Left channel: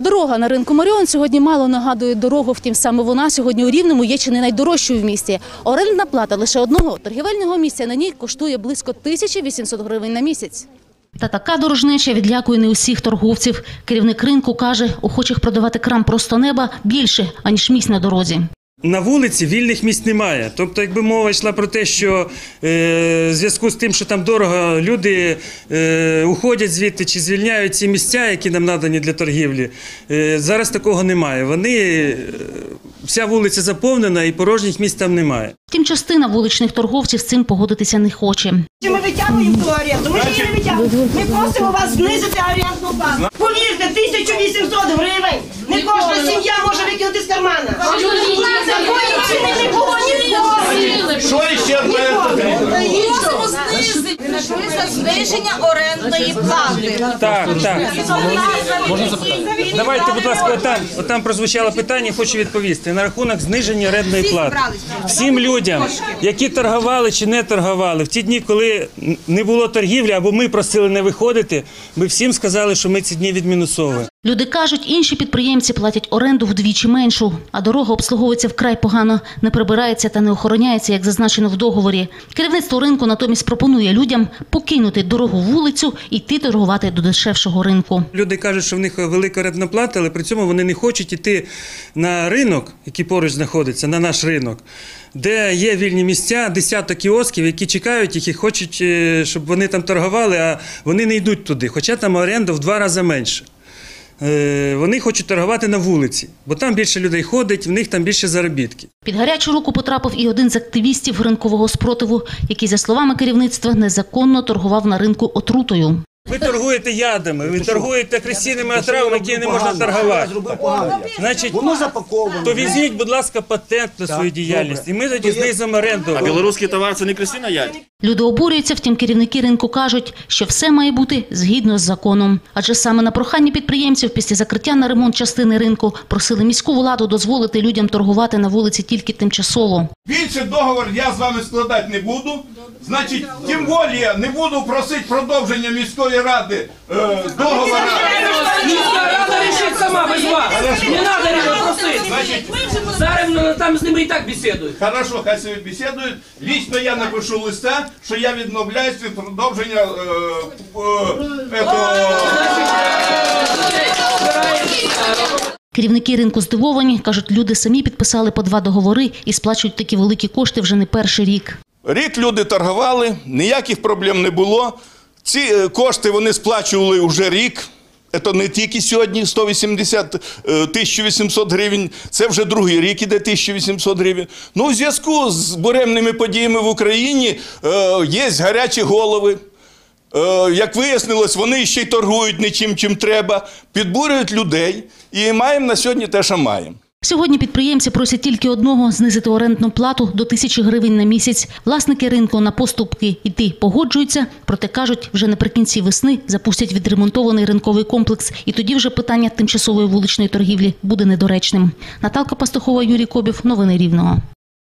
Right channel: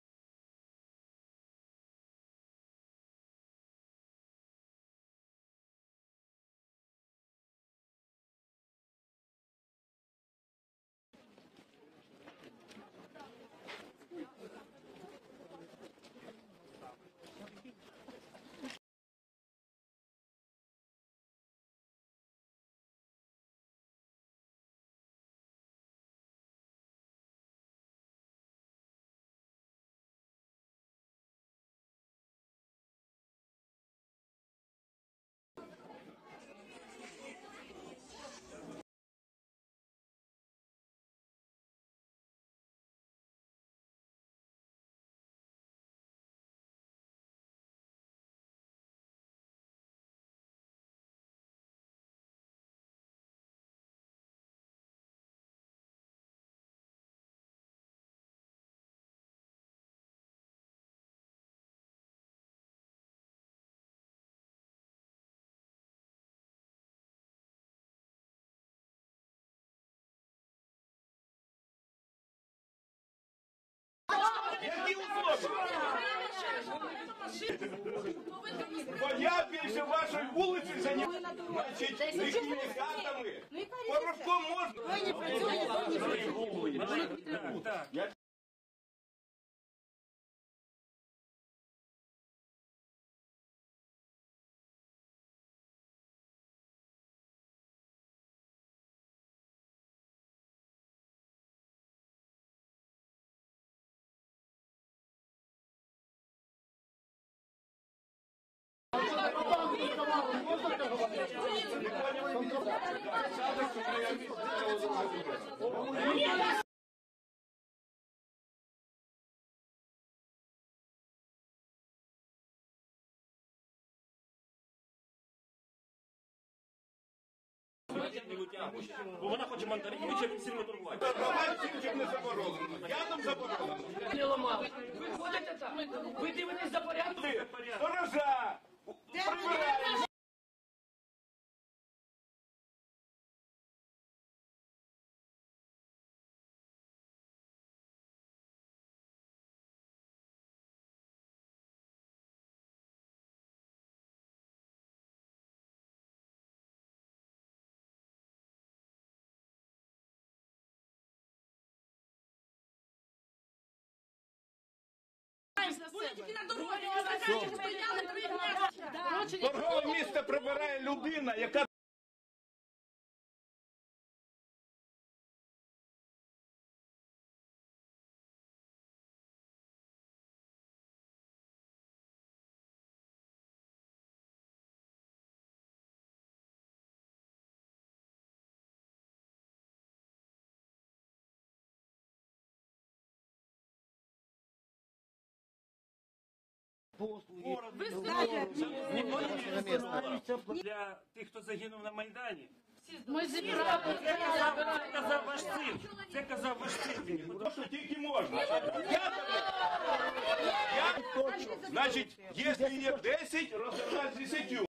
Дорога на ринку Маріон сьогодні мало нагадує дорогу, втім саме вона сьогодні у Рівному є чи не найдорожчою в місті. Орендна плата лише одного торгівельного місця на ній коштує близько 1800 гривень на місяць. Та така дорожнеча відлякує не усіх торговців. Керівник ринку каже, охочих продавати крам просто неба більше, аніж місць на дорозі. На вулиці вільних місць немає. Тобто, якби мова йшла про те, що е, в зв'язку з тим, що там дорого, люди е, уходять звідти чи звільняють ці місця, які нам надані для торгівлі. Е, зараз такого немає. Вони е, вся вулиця заповнена і порожніх місць там немає. Втім, частина вуличних торговців з цим погодитися не хоче. Чи ми витягуємо ту оренду? Ми ж її не витягуємо. Ми просимо вас знизити орендну плату. Повірте, 1800 гривень. Не кожна сім'я може викинути з кармана. Такої ціни не було ніколи. Що ще Просимо знизити за зниження орендної плати. Так, так. Давайте, будь ласка, отам, отам прозвучало питання, хочу відповісти. На рахунок зниження орендної плати. Всім людям, які торгували чи не торгували, в ті дні, коли не було торгівлі або ми просили не виходити, ми всім сказали, що ми ці дні відмінусовуємо. Люди кажуть, інші підприємці платять оренду вдвічі меншу, а дорога обслуговується вкрай погано, не прибирається та не охороняється, як зазначено в договорі. Керівництво ринку натомість пропонує людям покинути дорогу вулицю і йти торгувати до дешевшого ринку. Люди кажуть, що в них велика орендна плата, але при цьому вони не хочуть йти на ринок, який поруч знаходиться, на наш ринок, де є вільні місця, десяток кіосків, які чекають їх і хочуть, е, щоб вони там торгували, а вони не йдуть туди. Хоча там оренда в два рази менше. Е, Вони хочуть торгувати на вулиці, бо там більше людей ходить, в них там більше заробітки. Під гарячу руку потрапив і один з активістів ринкового спротиву, який, за словами керівництва, незаконно торгував на ринку отрутою. Ви торгуєте ядами, ви торгуєте агресивними отравами, які не можна торгувати. Значить, Воно запаковано. то візьміть, будь ласка, патент на свою діяльність, і ми тоді знизимо оренду. А білоруський товар це не красина ядь? Люди обурюються, втім керівники ринку кажуть, що все має бути згідно з законом. Адже саме на прохання підприємців після закриття на ремонт частини ринку просили міську владу дозволити людям торгувати на вулиці тільки тимчасово. Більше договор я з вами складати не буду. Значить, тим більше не буду просити продовження міської ради е, договора. Міська рада рішить сама без вас. Не треба його просити. Зараз ну, там з ними і так бесідують. Хорошо, хай собі бесідують. Лічно я напишу листа, що я відмовляюсь від продовження е, е. Керівники ринку здивовані, кажуть, люди самі підписали по два договори і сплачують такі великі кошти вже не перший рік. Рік люди торгували, ніяких проблем не було. Ці е, кошти вони сплачували вже рік. Це не тільки сьогодні 180 е, 1800 гривень, це вже другий рік іде 1800 гривень. Ну, у зв'язку з буремними подіями в Україні е, є гарячі голови. Е, як вияснилось, вони ще й торгують не чим, чим треба, підбурюють людей. І маємо на сьогодні те, що маємо. Сьогодні підприємці просять тільки одного знизити орендну плату до тисячі гривень на місяць. Власники ринку на поступки йти погоджуються, проте кажуть, вже наприкінці весни запустять відремонтований ринковий комплекс, і тоді вже питання тимчасової вуличної торгівлі буде недоречним. Наталка Пастухова, Юрій Кобів. Новини Рівного.